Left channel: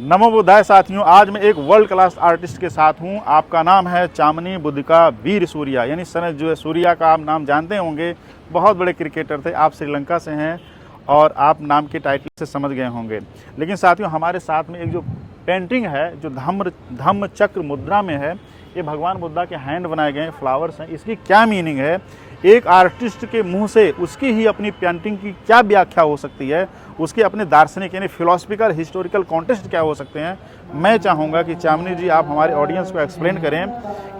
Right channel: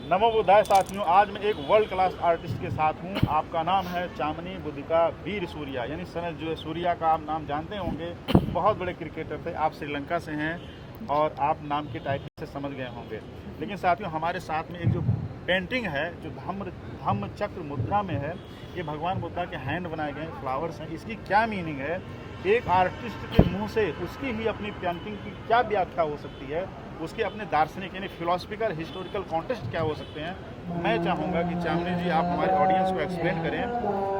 नमो बुद्धाय साथियों, आज मैं एक वर्ल्ड क्लास आर्टिस्ट के साथ हूं। आपका नाम है चामनी बुद्धिका वीर सूर्या, यानी सन जो है सूर्या का आप नाम जानते होंगे। बहुत बड़े क्रिकेटर थे, आप श्रीलंका से हैं और आप नाम के टाइटल से समझ गए होंगे। लेकिन साथियों, हमारे साथ में एक जो पेंटिंग है जो धम्म चक्र मुद्रा में है, ये भगवान बुद्धा के हैंड बनाए गए फ्लावर्स हैं। इसकी क्या मीनिंग है, एक आर्टिस्ट के मुंह से उसकी ही अपनी पेंटिंग की क्या व्याख्या हो सकती है, उसके अपने दार्शनिक यानी फिलोसफिकल हिस्टोरिकल कॉन्टेक्स्ट क्या हो सकते हैं। मैं चाहूँगा कि चामनी जी आप हमारे ऑडियंस को एक्सप्लेन करें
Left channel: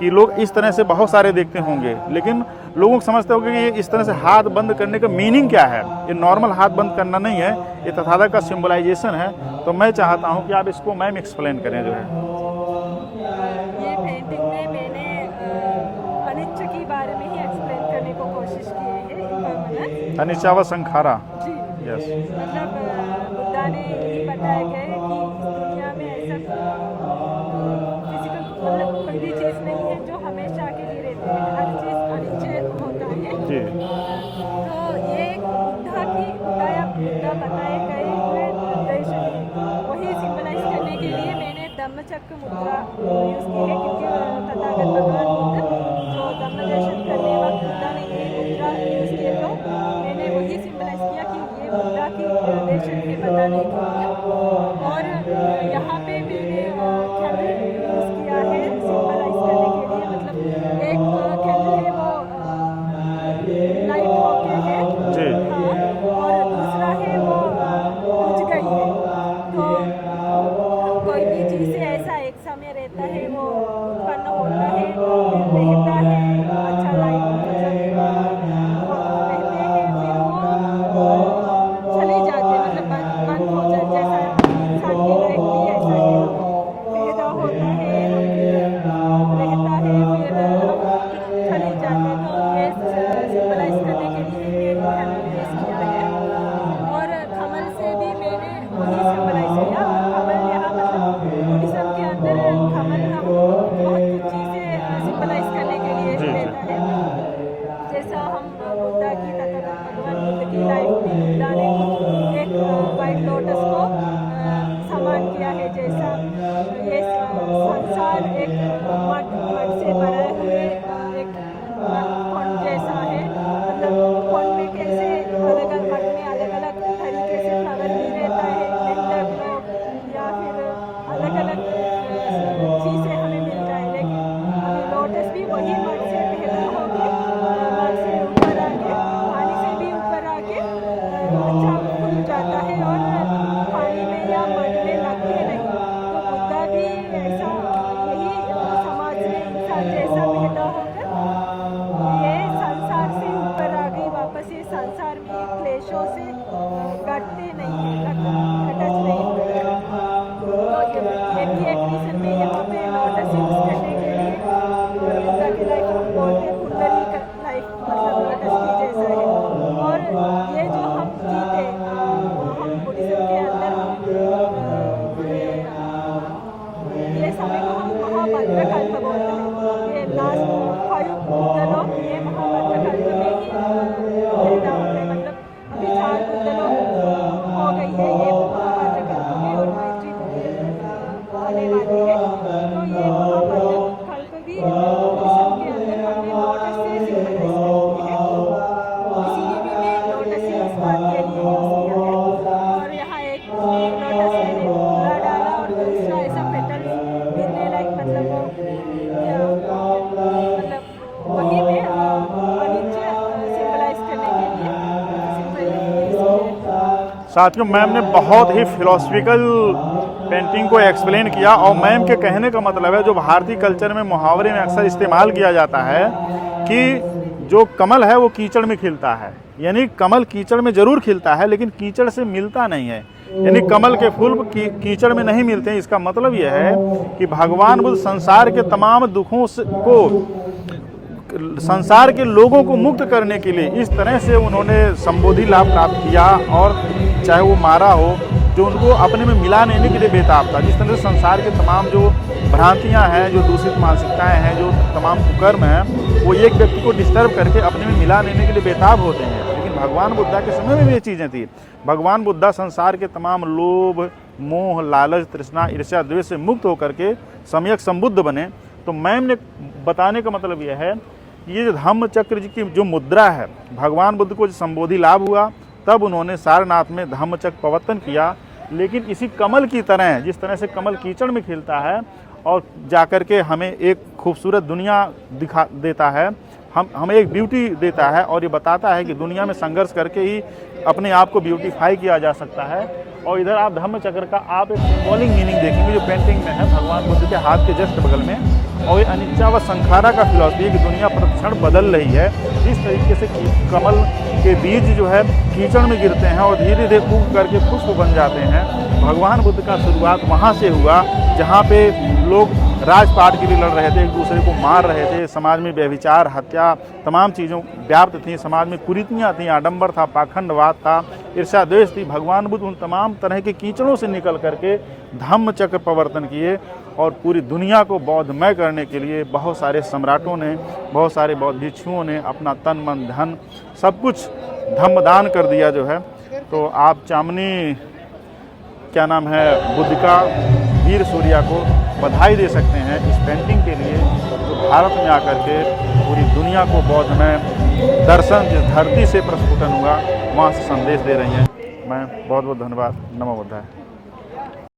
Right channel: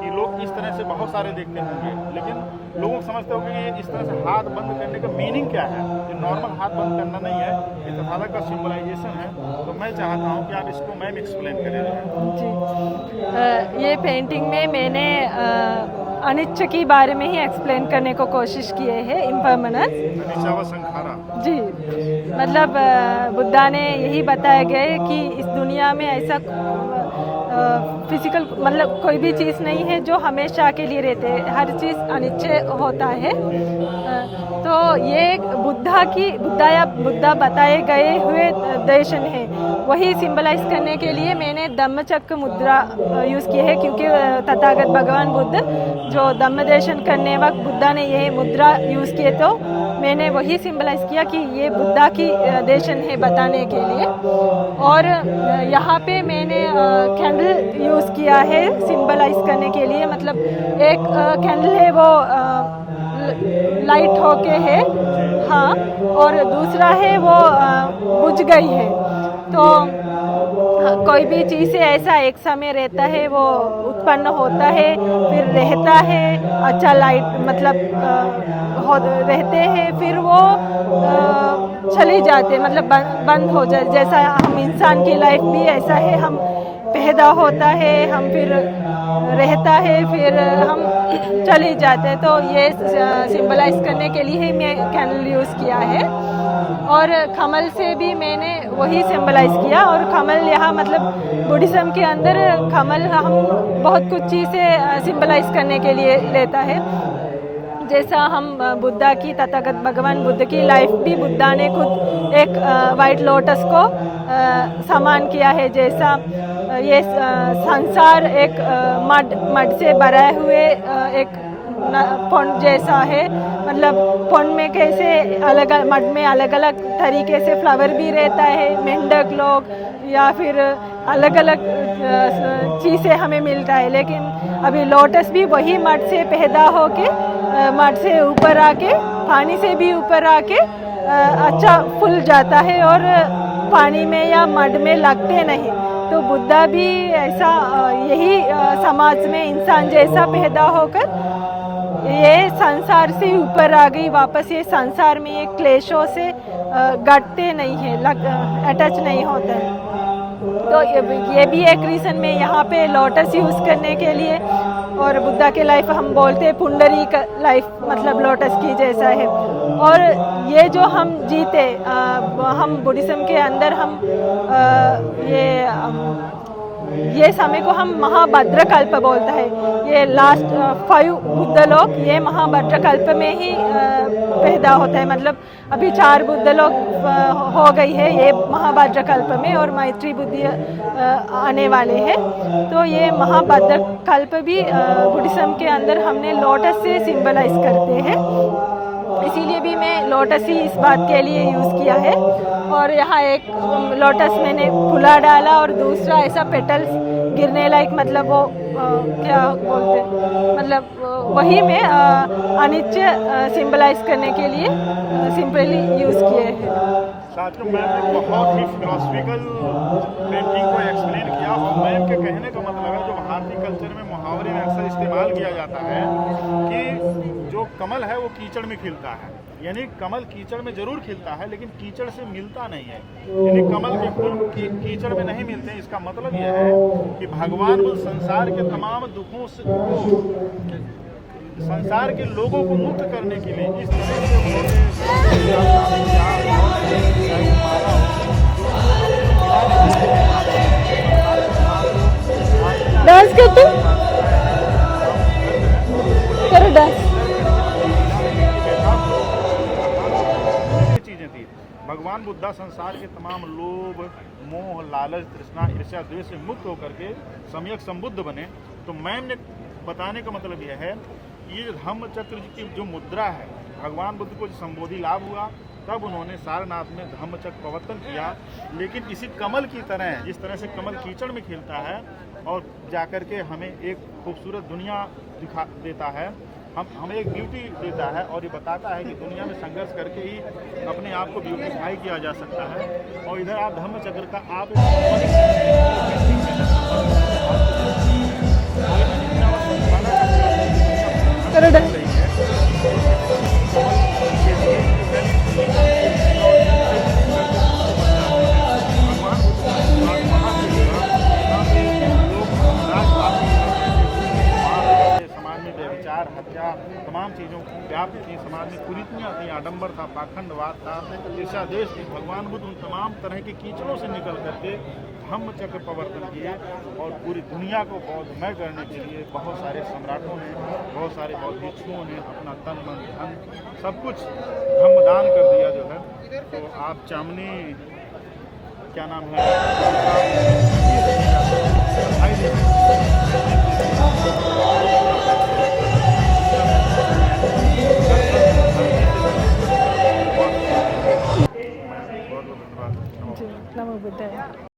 कि लोग इस तरह से बहुत सारे देखते होंगे, लेकिन लोगों को समझते होंगे कि ये इस तरह से हाथ बंद करने का मीनिंग क्या है। ये नॉर्मल हाथ बंद करना नहीं है, ये तथागत का सिंबलाइजेशन है। तो मैं चाहता हूँ कि आप इसको मैम एक्सप्लेन करें जो है। ये पेंटिंग में मैंने अनिच्छ के बारे में ही एक्सप्लेन करने को कोशिश किए है, इम्पर्मनेंस, अनिच्चा व संखारा जी। मतलब बुद्धा ने यही बताया गया है कि इस दुनिया में ऐसा फिजिकल मतलब कोई भी चीज़ नहीं है जो हमेशा के लिए रहते हैं, हर चीज़ अनिच्छे होता है। तो ये बुद्धा बताए गए हुए दर्शन है, वही सिंबलाइज करने के लिए मैंने धम्मचक्र मुद्रा यूज़ की है, क्योंकि तथागत भगवान बुद्ध जो धम्म दर्शन करने वक्त बुद्धा ने ये मुद्रा यूज़ किए, तो मैंने वही सिंबलाइज किया कि ये बुद्धा की दर्शन है बताने के लिए। और यहाँ पे मैंने कैंडल यूज़ किया है सिंबलाइज करने के लिए। मतलब एक कैंडल है वो लाइट होके है, हाँ, और दूसरा है वो बुझ गई है। तो कोई भी चीज़ से ऐसा एक समय रहता है, वो उत्पन्न होता है, फिर रहता है, अच्छा लाइट मतलब रहते हैं, फिर वो चली जाते, मतलब बंद हो जाए। जैसा हम इंसान की लाइफ भी ऐसा है, हम पैदा होता है, हम फिर रहता है, फिर हम चले जाते हैं। तो ये सिंबलाइज करने के लिए ही मैं कैंडल यूज़ किया है। और कमल से भी मैंने वही सिंबलाइज किया। और कमल यहाँ मतलब बुद्धिज़्म के अंदर कमल हम बहुत कुछ चीज़ें सिंबलाइज करने के लिए लेता है। जैसा हम बुद्धा की तथागत भगवान बुद्ध की लाइफ भी बुद्धा ने खुद एक वाइट लोटस को समान किया है। जैसा ये संसार एक मड से भरा हुए एक पौंड जैसा है, मतलब पौंड में कैसे अलग मड में अलग अलग तरीके से फ्लावर भी रहता है, मेंढक लोग या फिर अलग अलग चीज़ें हमें मिलता है। लेकिन अभी लोटस भी वही मड से पैदा होके मड से ऊपर आके पानी से भी ऊपर आके अच्छा फूल जाता है और पानी में या मड में लगते नहीं। तो बुद्धा भी ऐसा यही समाज में इंसान जैसा पैदा होकर ये संसार से ऊपर आ गई वापस। ये संसार में ये क्लेशों से घटते नहीं है, अटैच नहीं होता है। तो ये भी एक रीज़न में यहाँ पे लोटस यूज़ करने के लिए। और बुद्धा के लाइफ हम बोलते हैं पुंडरी का लाइफ, मतलब लोटस की जैसा है। और ये जो हम जीते हम बुद्धिज़्म के अंदर हम ये समय को हम महाभद्र कल्प बोलता है। ये लास्ट 5 बुद्ध लोग ये महाभद्र कल्प में ही पैदा होता है। मतलब अभी 4 बुद्ध लोग हो गई है ये महाभद्र कल्प में, और मैत्री बुद्धि आने वाले हैं। तो ये महाभद्र कल्प भी बुद्धिज़्म के अंदर हमने लोटस से सिंबलाइज करते हैं, इसीलिए भी मैं लोटस ही इस बात के लिए यूज़ किया है। और यहाँ एक लोटस मैंने फुला डाला और दूसरा ऐसा पेटल्स गिरने लायक, मतलब वो क्या बोलते, मतलब वही मैं अनिच्छ सिंबलाइज करने के लिए सिंपली यूज़ किए हैं। साथियों, मैम ने बहुत ही फिलोसफिकल पेंटिंग को एक्सप्लेन किया। और मैम के कहने का मतलब है, जो भारतीय कल्चर में मुहावरे में अक्सर इस्तेमाल किया जाता है कि जो कमल है वो कीचड़ में खिलता है, यानी कमल कीचड़ में जरूर खिलता है लेकिन कीचड़ से मिलता नहीं है, यानी कमल के फूल कीचड़ में नहीं मिलते हैं। इसका मतलब यह है कि भगवान बुद्ध संसार के तमाम दुखों को, संसार के लोगों को मुक्त करने के लिए इस तरह से उन्होंने संबोधि लाभ प्राप्त किया। और चाहे वो मारा हो, जो उनको अपने में मिला नहीं के लिए बेताब था। जिस तरह संसार के तमाम जो भ्रांतियाँ हैं, जो मानसिकताएँ हैं, जो तमाम कर्म हैं, वो एक व्यक्ति को डिस्टर्ब करके अपने में मिला लेने के लिए बेताब होते हैं। लेकिन भगवान बुद्धा के समय में भी ये चीज़ें थी। भगवान बुद्धा संसार के तमाम लोभ, मोह, लालच, तृष्णा, ईर्ष्या, द्वेष से मुक्त होकर के सम्यक संबुद्ध बने। तो मैम ने बताने का मतलब यह है कि ये जो धम्म चक्र जी की जो मुद्रा है, भगवान बुद्ध को संबोधि लाभ हुआ, तब उन्होंने सारनाथ में धम्म चक्र प्रवर्तन किया। लेकिन इसी कमल की तरह, जिस तरह से कमल कीचड़ में खिलता है और जाकर के हमें एक खूबसूरत दुनिया दिखा देता है, हमें एक ब्यूटी देता है और ये बताता है कि दुनिया में संघर्ष करके ही अपने आप को ब्यूटीफाई किया जा सकता है। और इधर आप धम्म चक्र का आप एक सिंबॉलिक मीनिंग देखेंगे जो पेंटिंग में है भगवान बुद्ध के हाथ के जस्ट बगल में, और ये अनित्या व संखारा का फिलॉसफी है कि दुनिया प्रतिक्षण बदल रही है। इस तरीके से कमल के बीज जो है कीचड़ में गिरते हैं और धीरे धीरे फूंक करके पुष्प बन जाते हैं। भगवान बुद्ध का शुरुआत वहाँ से हुआ जहाँ पे लोग राजपाट के लिए लड़ रहे थे, एक दूसरे को मार रहे थे, समाज में व्यभिचार, हत्या, तमाम चीज़ों व्याप्त थी, समाज में कुरीतियाँ थी, आडंबर था, पाखंडवाद था, ईर्ष्या द्वेष थी। भगवान बुद्ध उन तमाम तरह के कीचड़ों से निकल करके धम्म चक्र प्रवर्तन किए और पूरी दुनिया को बौद्धमय करने के लिए बहुत सारे सम्राटों ने, बहुत सारे बौद्ध भिक्षुओं ने अपना तन मन धन सब कुछ धम्मदान कर दिया जो है। तो आप चामनी क्या नाम है बुद्धिका वीर सूर्या को बधाई दे सकते हैं इस पेंटिंग के लिए, तो भारत में आकर के पूरी दुनिया को बौद्धमय दर्शन धरती से प्रस्फुटन हुआ, वहाँ से संदेश दे रही हैं। मैं बहुत बहुत धन्यवाद। नमो बुद्धाय। नमो बुद्धाय।